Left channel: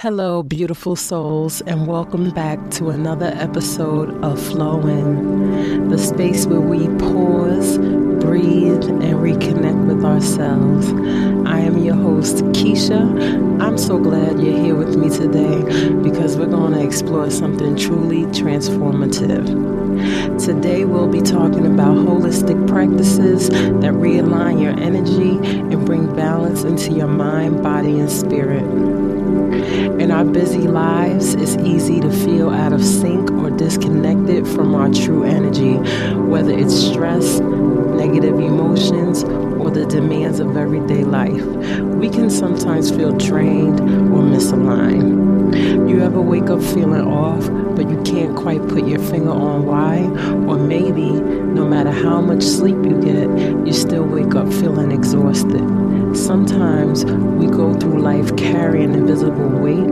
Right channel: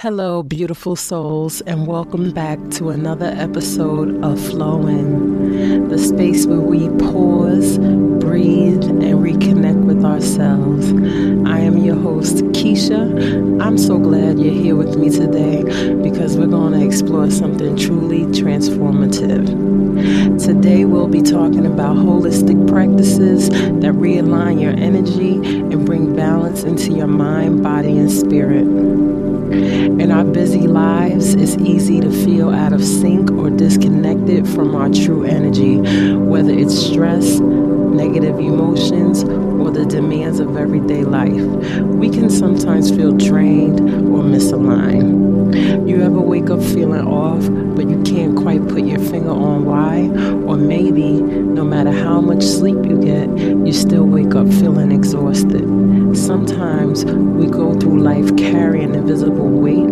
Hello, beautiful souls, and welcome back to another episode of Flow In, the space where we pause, breathe, and reconnect with ourselves. I am your host, Keisha. I'm so glad you're here with me today because we're going to explore something truly transformative. Today, we'll be talking about holistic practices that realign your energy and bring balance into your mind, body, and spirit. In our busy lives, it's easy to feel out of sync or disconnected from our true energy, whether it's stress, negative emotions, or the demands of everyday life. We can sometimes feel drained or misaligned. You ever wake up feeling off, but you can't quite put your finger on why? Or maybe, no matter how much sleep you get, you still wake up feeling exhausted. Sometimes we go through life carrying invisible weight,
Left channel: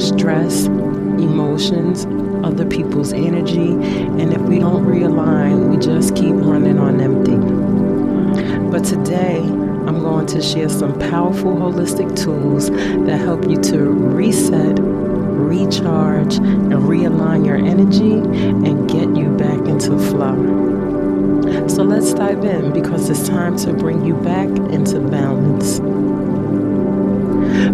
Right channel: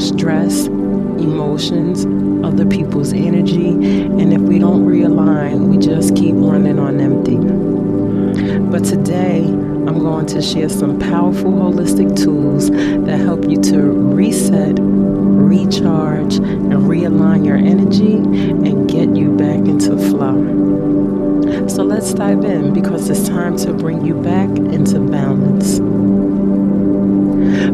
stress, emotions, other people's energy, and if we don't realign, we just keep running on empty. But today, I'm going to share some powerful holistic tools that help you to reset, recharge, and realign your energy and get you back into flow. So let's dive in because it's time to bring you back into balance.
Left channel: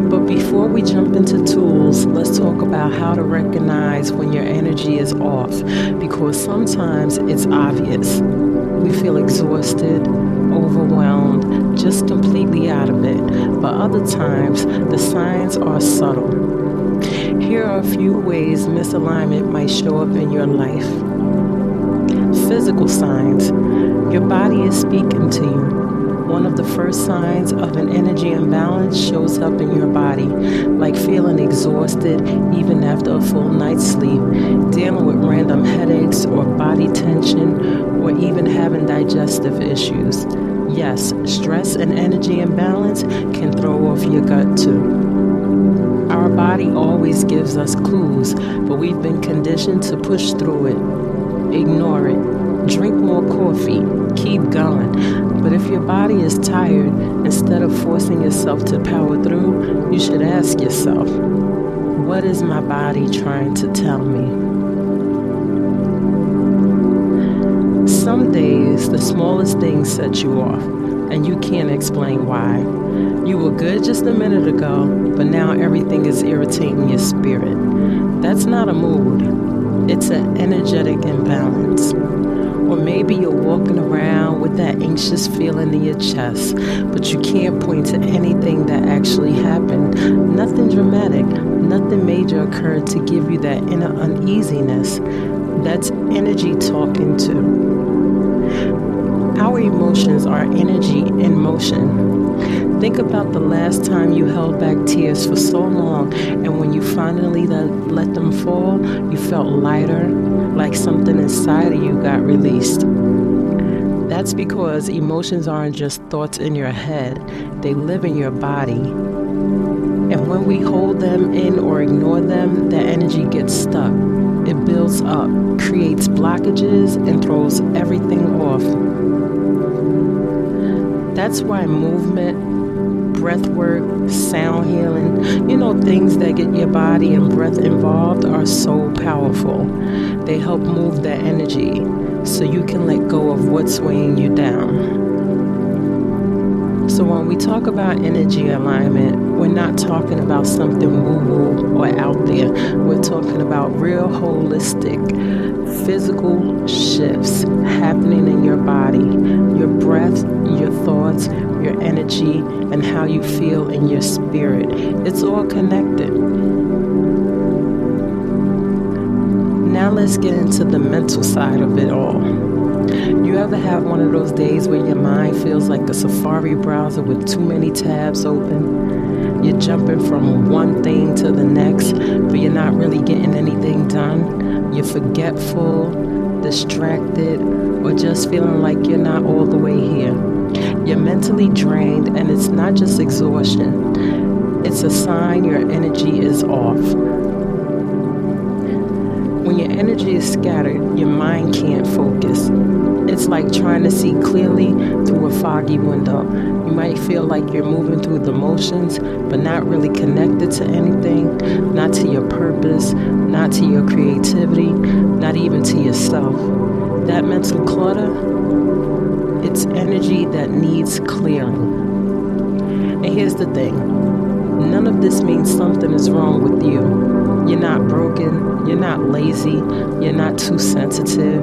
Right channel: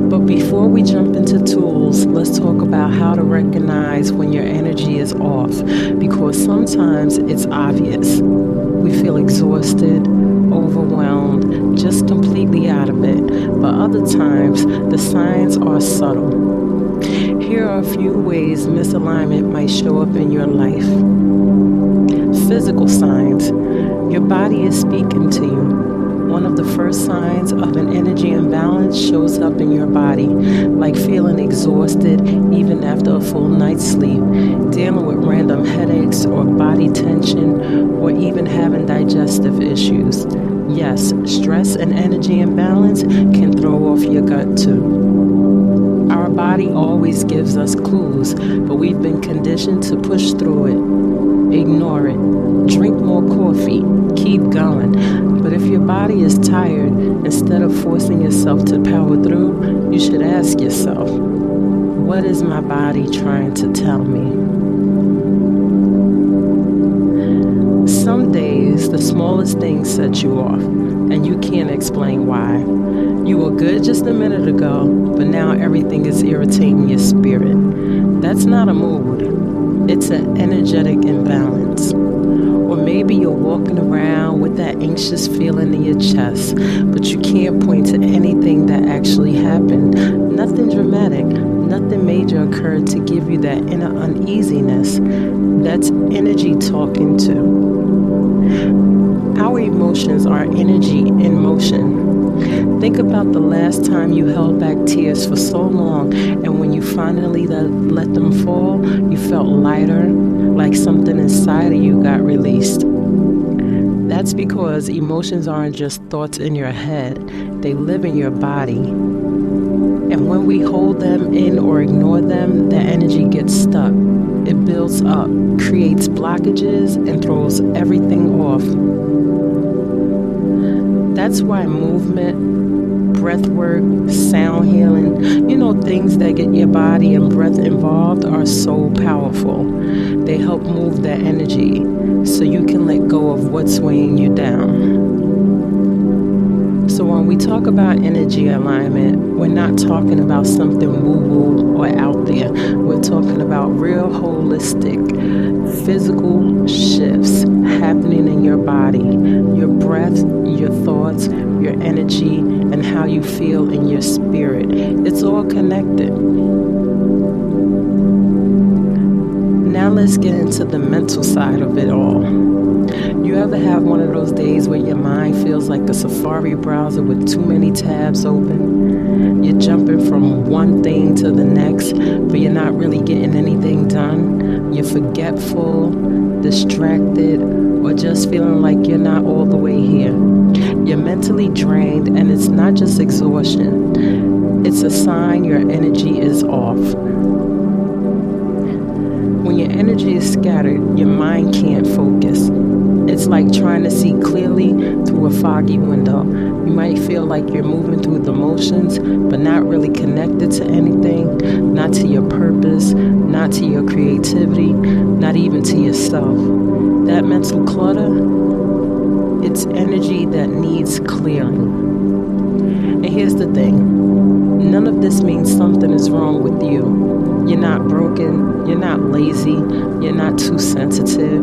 But before we jump into tools, let's talk about how to recognize when your energy is off, because sometimes it's obvious. We feel exhausted, overwhelmed, just completely out of it. But other times, the signs are subtle. Here are a few ways misalignment might show up in your life. Physical signs. Your body is speaking to you. One of the first signs of an energy imbalance shows up in your body, like feeling exhausted even after a full night's sleep, dealing with random headaches or body tension, or even having digestive issues. Yes, stress and energy imbalance can throw off your gut too. Our body always gives us clues, but we've been conditioned to push through it, ignore it, drink more coffee, keep going. But if your body is tired, instead of forcing yourself to power through, you should ask yourself, what is my body trying to tell me? Some days, the smallest things set you off, and you can't explain why. You were good just a minute ago, but now everything is irritating your spirit. That's not a mood. It's an energetic imbalance. Or maybe you're walking around with that anxious feeling in your chest, but you can't point to anything that actually happened. Nothing dramatic, nothing major occurred to give you that inner uneasiness. That's energy talking too. Our emotions are energy in motion. Think about the last time you held back tears for so long, and when you finally let them fall, you felt lighter, like something inside of you got released. That's because emotions aren't just thoughts in your head, they live in your body. And when we hold them in or ignore them, the energy gets stuck. It builds up, creates blockages, and throws everything off. That's why movement, breath work, sound healing, things that get your body and breath involved are so powerful. They help move that energy so you can let go of what's weighing you down. So when we talk about energy alignment, we're not talking about something woo-woo or out there. We're talking about real holistic, physical shifts happening in your body, your breath, your thoughts, your energy, and how you feel in your spirit. It's all connected. Now let's get into the mental side of it all. You ever have one of those days where your mind feels like a Safari browser with too many tabs open? You're jumping from one thing to the next, but you're not really getting anything done. You're forgetful, distracted, or just feeling like you're not all the way here. You're mentally drained, and it's not just exhaustion. It's a sign your energy is off. When your energy is scattered, your mind can't focus. It's like trying to see clearly through a foggy window. You might feel like you're moving through the motions, but not really connected to anything, not to your purpose, not to your creativity, not even to yourself. That mental clutter, it's energy that needs clearing. And here's the thing, none of this means something is wrong with you. You're not broken, you're not lazy, you're not too sensitive.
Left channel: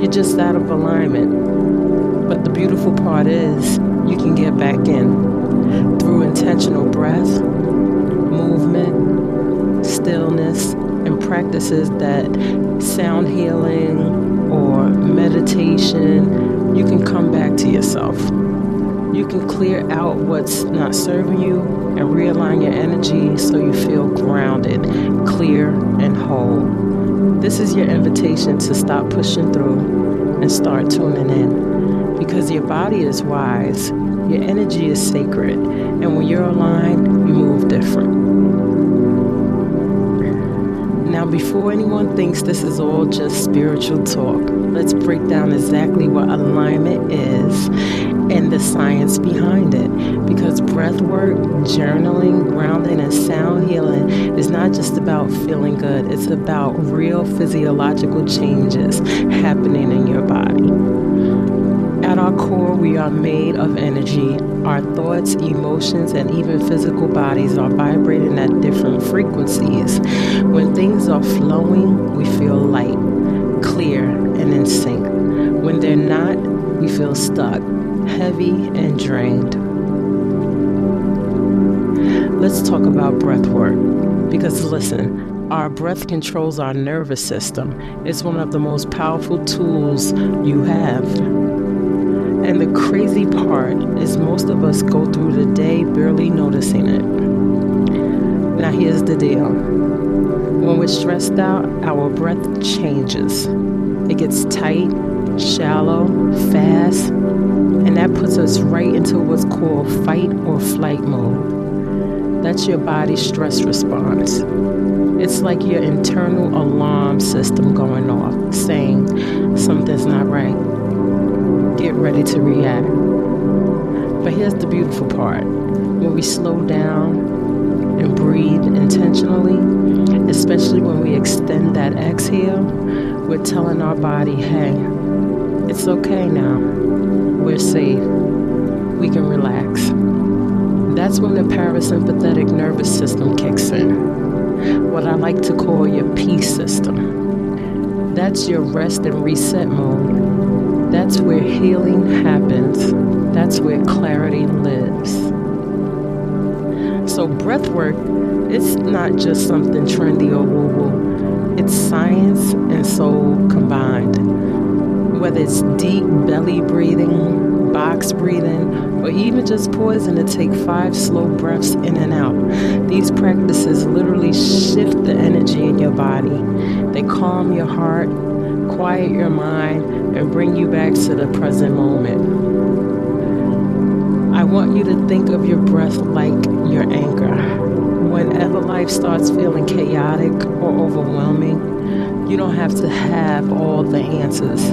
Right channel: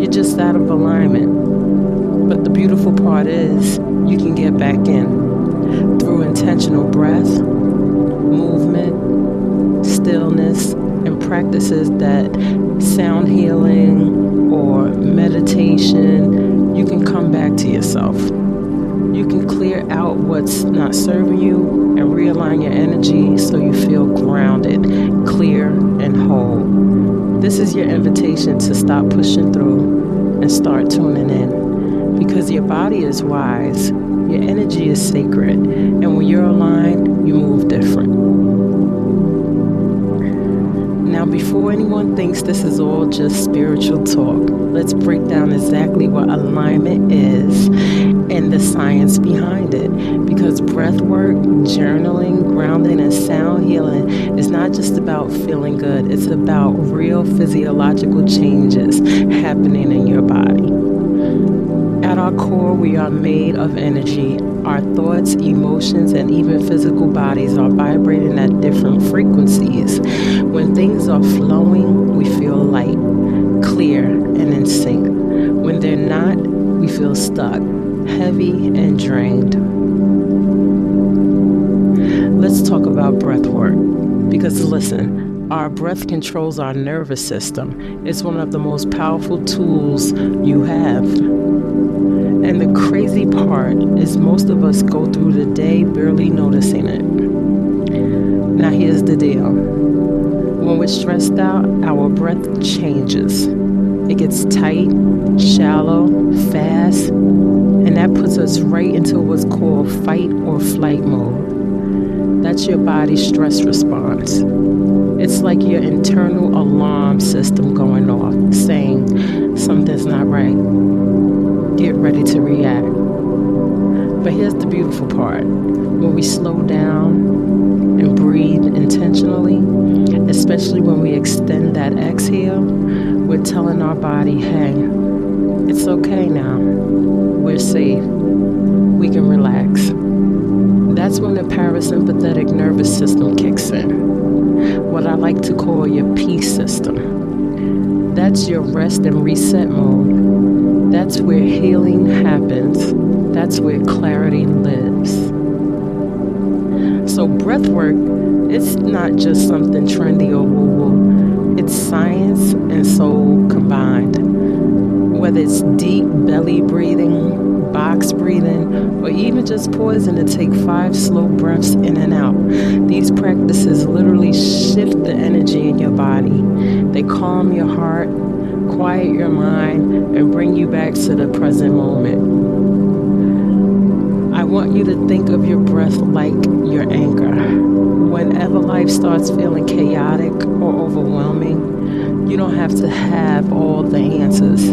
You're just out of alignment. But the beautiful part is you can get back in through intentional breath, movement, stillness, and practices that sound healing or meditation. You can come back to yourself. You can clear out what's not serving you and realign your energy so you feel grounded, clear, and whole. This is your invitation to stop pushing through and start tuning in, because your body is wise, your energy is sacred, and when you're aligned, you move different. Now, before anyone thinks this is all just spiritual talk, let's break down exactly what alignment is and the science behind it. Because breath work, journaling, grounding, and sound healing is not just about feeling good. It's about real physiological changes happening in your body. At our core, we are made of energy. Our thoughts, emotions, and even physical bodies are vibrating at different frequencies. When things are flowing, we feel light, clear, and in sync. When they're not, we feel stuck, heavy, and drained. Let's talk about breath work. Because listen, our breath controls our nervous system. It's one of the most powerful tools you have. And the crazy part is most of us go through the day barely noticing it. Now here's the deal. When we're stressed out, our breath changes. It gets tight, shallow, fast, and that puts us right into what's called fight or flight mode. That's your body's stress response. It's like your internal alarm system going off, saying something's not right. Get ready to react. But here's the beautiful part. When we slow down and breathe intentionally, especially when we extend that exhale, we're telling our body, hey, it's okay now. We're safe. We can relax. That's when the parasympathetic nervous system kicks in, what I like to call your peace system. That's your rest and reset mode. That's where healing happens. That's where clarity lives. So breath work, it's not just something trendy or woo-woo. It's science and soul combined. Whether it's deep belly breathing, box breathing, or even just pausing to take 5 slow breaths in and out. These practices literally shift the energy in your body. They calm your heart, quiet your mind, and bring you back to the present moment. I want you to think of your breath like your anchor. Whenever life starts feeling chaotic or overwhelming, you don't have to have all the answers.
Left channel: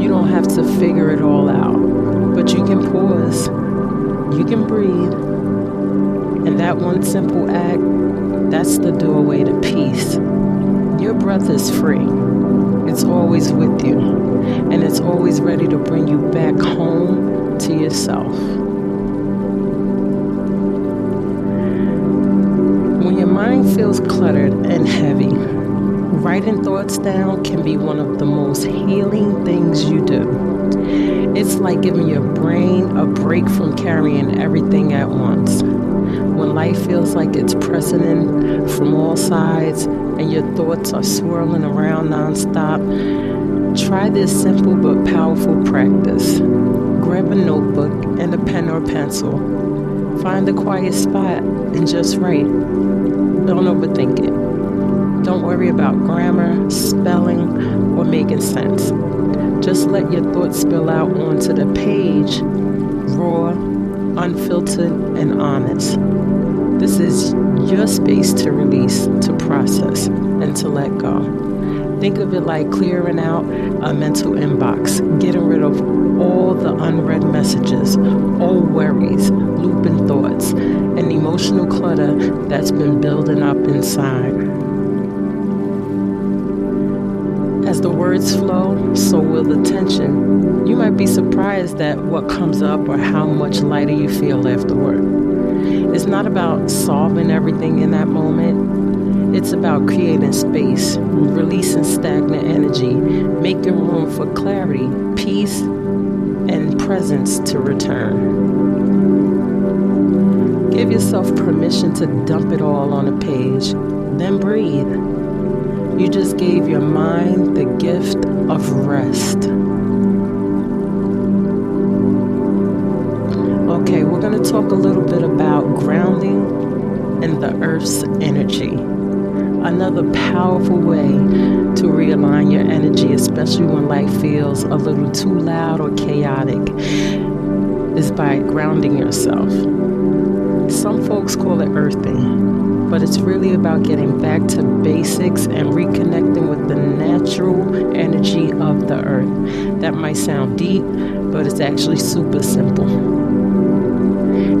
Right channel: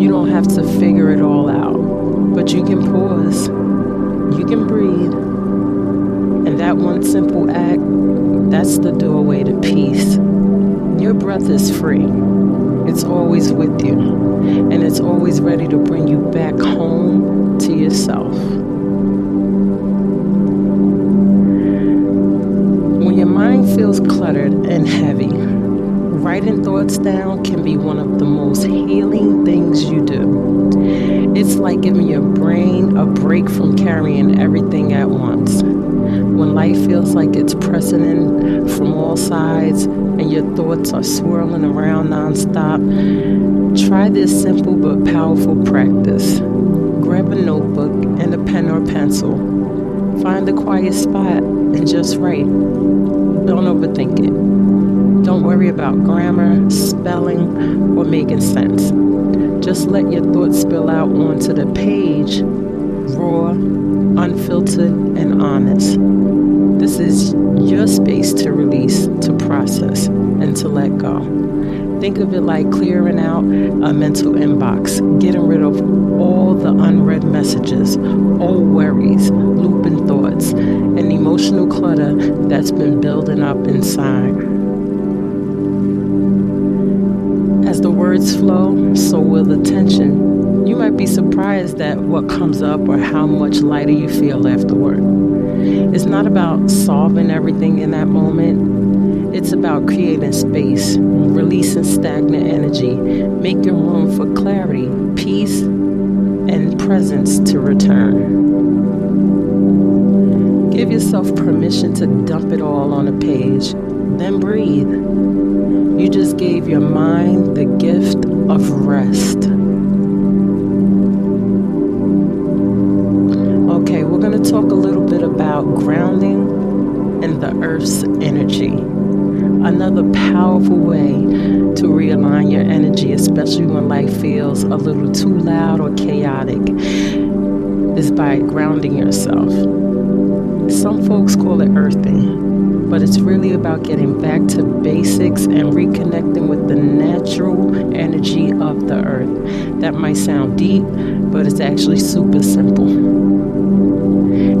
You don't have to figure it all out. But you can pause, you can breathe, and that one simple act, that's the doorway to peace. Your breath is free. It's always with you, and it's always ready to bring you back home to yourself. When your mind feels cluttered and heavy, writing thoughts down can be one of the most healing things you do. It's like giving your brain a break from carrying everything at once. When life feels like it's pressing in from all sides and your thoughts are swirling around nonstop, try this simple but powerful practice. Grab a notebook and a pen or pencil. Find a quiet spot and just write. Don't overthink it. Don't worry about grammar, spelling, or making sense. Just let your thoughts spill out onto the page, raw, unfiltered, and honest. This is your space to release, to process, and to let go. Think of it like clearing out a mental inbox, getting rid of all the unread messages, old worries, looping thoughts, and emotional clutter that's been building up inside. As the words flow, so will the tension. You might be surprised at what comes up or how much lighter you feel afterward. It's not about solving everything in that moment. It's about creating space, releasing stagnant energy, making room for clarity, peace, and presence to return. Give yourself permission to dump it all on a page, then breathe. You just gave your mind the gift of rest. Okay, we're going to talk a little bit about grounding and the earth's energy. Another powerful way to realign your energy, especially when life feels a little too loud or chaotic, is by grounding yourself. Some folks call it earthing, but it's really about getting back to basics and reconnecting with the natural energy of the earth. That might sound deep, but it's actually super simple.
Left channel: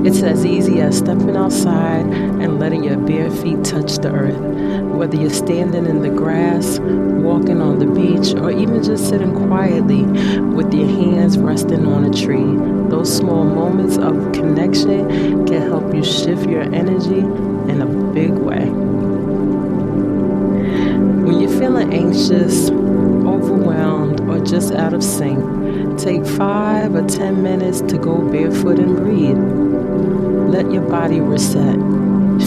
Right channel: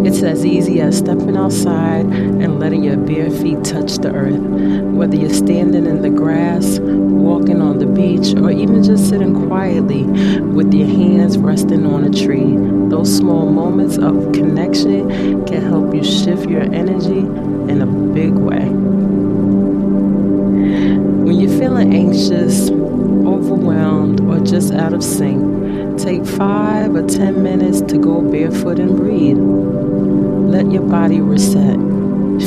It's as easy as stepping outside and letting your bare feet touch the earth. Whether you're standing in the grass, walking on the beach, or even just sitting quietly with your hands resting on a tree, those small moments of connection can help you shift your energy in a big way. When you're feeling anxious, overwhelmed, or just out of sync, take 5 or 10 minutes to go barefoot and breathe. Let your body reset.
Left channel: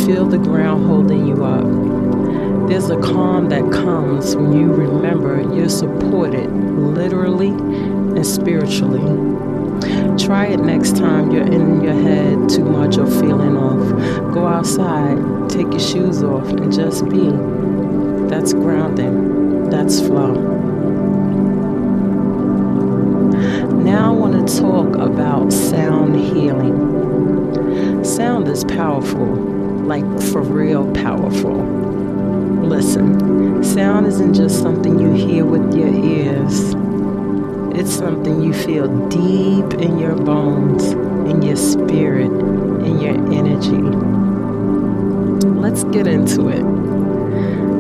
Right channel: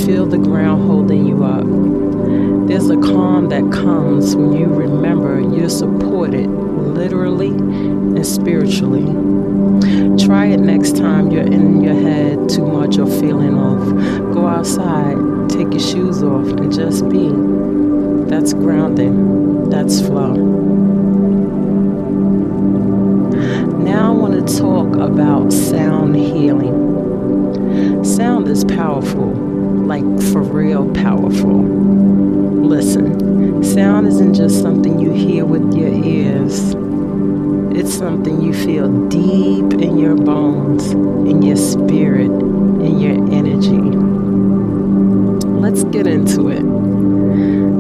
Feel the ground holding you up. There's a calm that comes when you remember you're supported, literally and spiritually. Try it next time you're in your head too much or feeling off. Go outside, take your shoes off, and just be. That's grounding. That's flow. Now I want to talk about sound healing. Sound is powerful, like for real powerful. Listen, sound isn't just something you hear with your ears. It's something you feel deep in your bones, in your spirit, in your energy. Let's get into it.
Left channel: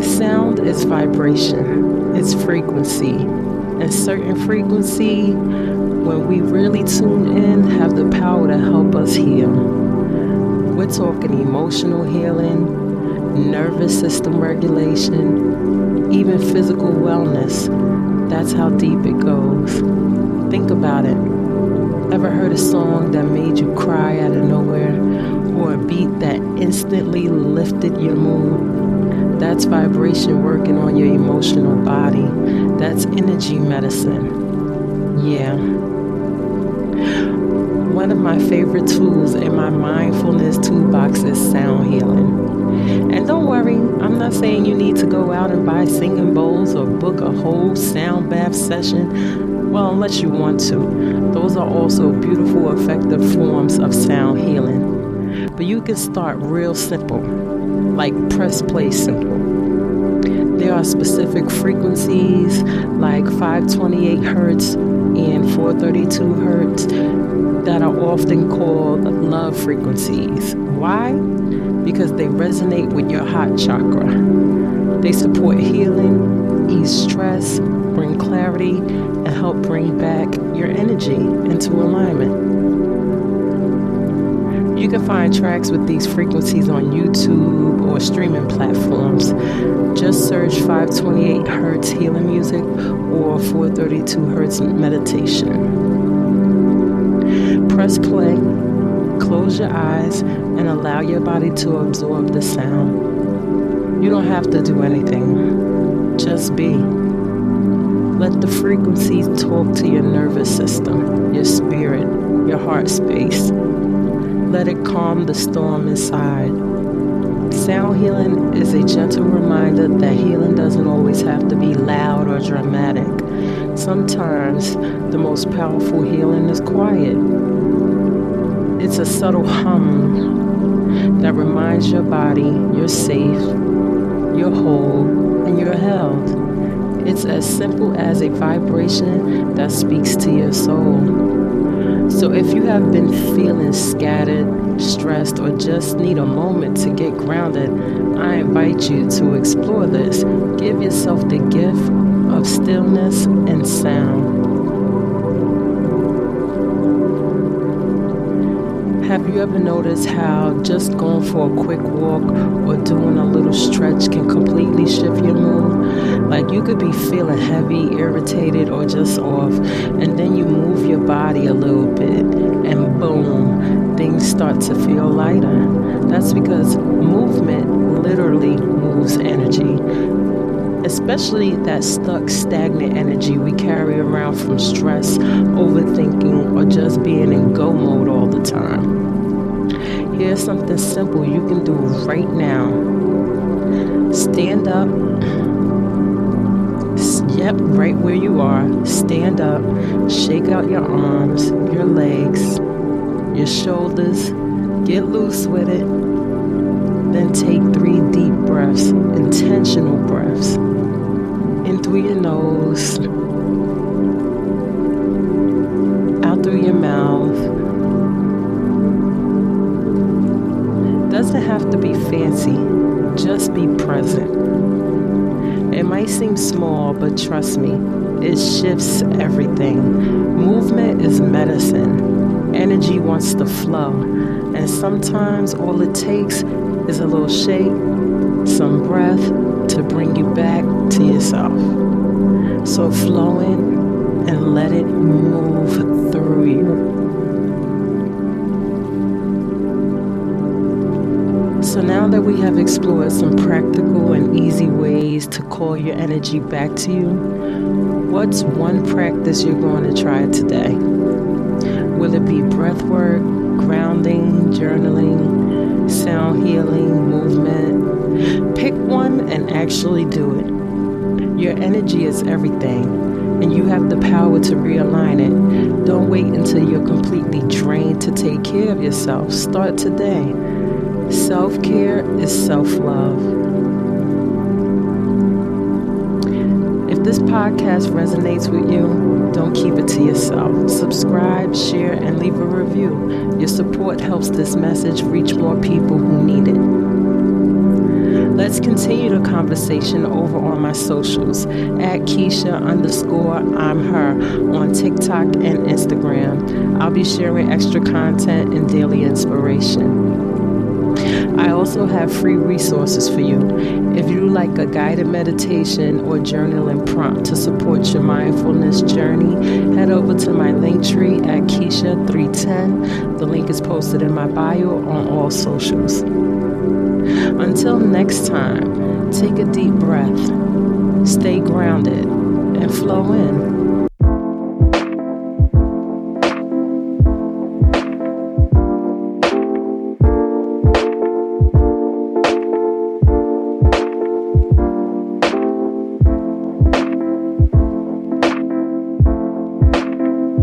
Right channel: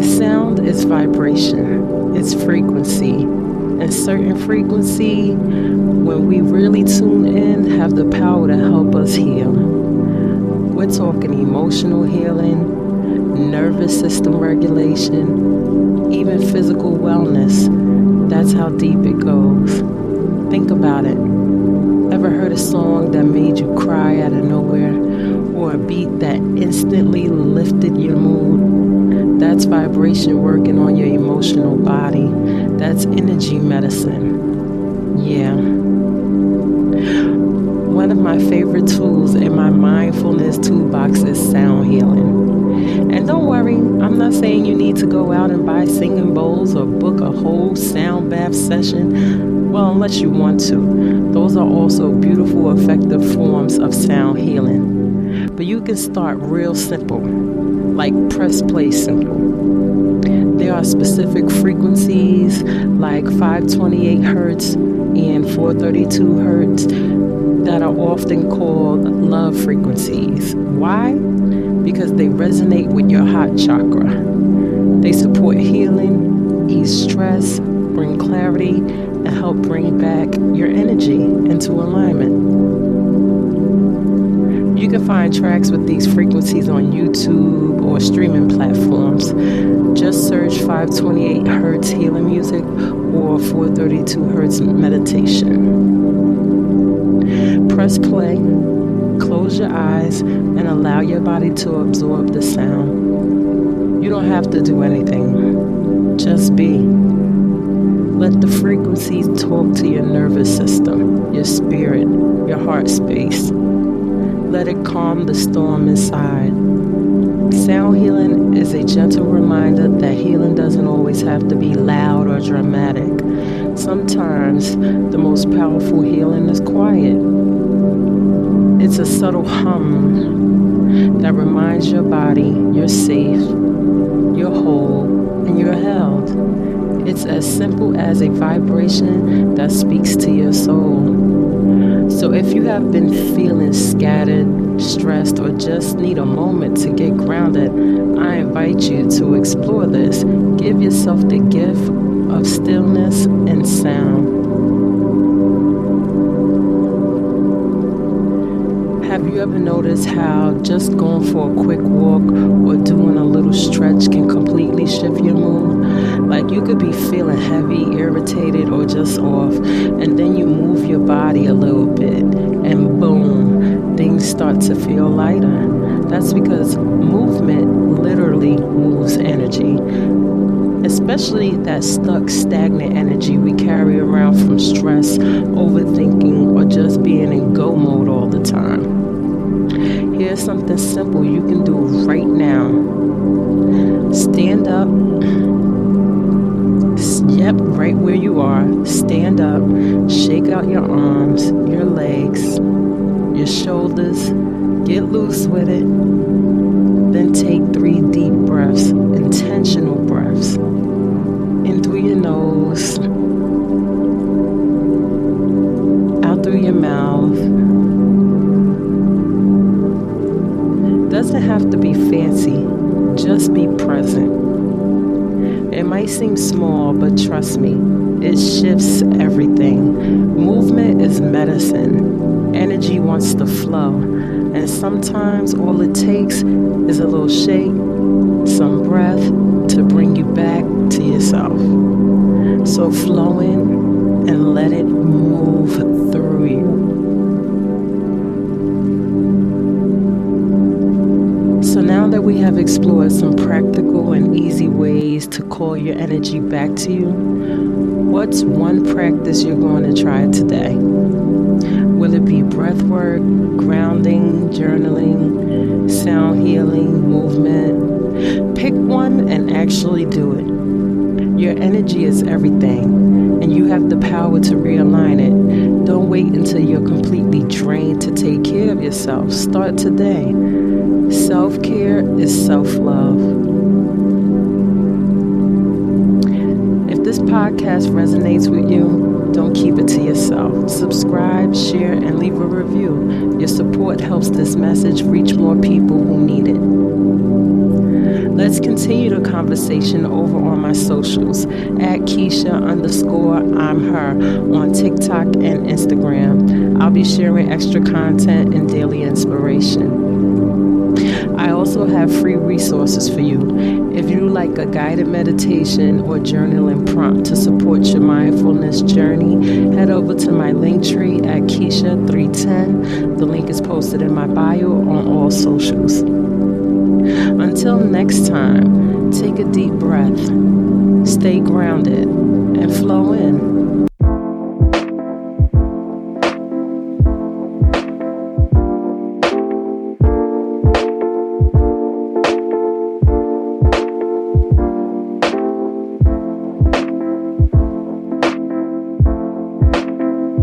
Sound is vibration, it's frequency. And certain frequency, when we really tune in, have the power to help us heal. We're talking emotional healing, nervous system regulation, even physical wellness. That's how deep it goes. Think about it. Ever heard a song that made you cry out of nowhere? Or a beat that instantly lifted your mood? That's vibration working on your emotional body. That's energy medicine. Yeah. One of my favorite tools in my mindfulness toolbox is sound healing. And don't worry, I'm not saying you need to go out and buy singing bowls or book a whole sound bath session. Well, unless you want to. Those are also beautiful, effective forms of sound healing. But you can start real simple, like press play simple. There are specific frequencies like 528 hertz and 432 hertz that are often called love frequencies. Why? Because they resonate with your heart chakra. They support healing, ease stress, bring clarity, and help bring back your energy into alignment. You can find tracks with these frequencies on YouTube or streaming platforms. Just search 528 hertz healing music or 432 hertz meditation. Press play, close your eyes, and allow your body to absorb the sound. You don't have to do anything. Just be. Let the frequencies talk to your nervous system, your spirit, your heart space. Let it calm the storm inside. Sound healing is a gentle reminder that healing doesn't always have to be loud or dramatic. Sometimes the most powerful healing is quiet. It's a subtle hum that reminds your body you're safe, you're whole, and you're held. It's as simple as a vibration that speaks to your soul. So if you have been feeling scattered, stressed, or just need a moment to get grounded, I invite you to explore this. Give yourself the gift of stillness and sound. Have you ever noticed how just going for a quick walk or doing a little stretch can completely shift your mood? Like you could be feeling heavy, irritated, or just off, and then you move your body a little bit, and boom, things start to feel lighter. That's because movement literally moves energy, especially that stuck, stagnant energy we carry around from stress, overthinking, or just being in go mode all the time. Here's something simple you can do right now. Stand up. Yep, right where you are. Stand up. Shake out your arms, your legs, your shoulders. Get loose with it. Then take 3 deep breaths, intentional breaths. In through your nose, out through your mouth. Doesn't have to be fancy, just be present. It might seem small, but trust me, it shifts everything. Movement is medicine. Energy wants to flow, and sometimes all it takes is a little shake, some breath to bring you back to yourself. So flow in and let it move through you. So now that we have explored some practical and easy ways to call your energy back to you, what's one practice you're going to try today? Will it be breath work, grounding, journaling, sound healing, movement? Pick one and actually do it. Your energy is everything, and you have the power to realign it. Don't wait until you're completely drained to take care of yourself. Start today. Self-care is self-love. If this podcast resonates with you, don't keep it to yourself. Subscribe, share, and leave a review. Your support helps this message reach more people who need it. Let's continue the conversation over on my socials at Keisha_I'm her on TikTok and Instagram. I'll be sharing extra content and daily inspiration. I also have free resources for you. If you like a guided meditation or journaling prompt to support your mindfulness journey, head over to my Linktree at Keisha310. The link is posted in my bio on all socials. Until next time, take a deep breath, stay grounded, and flow in.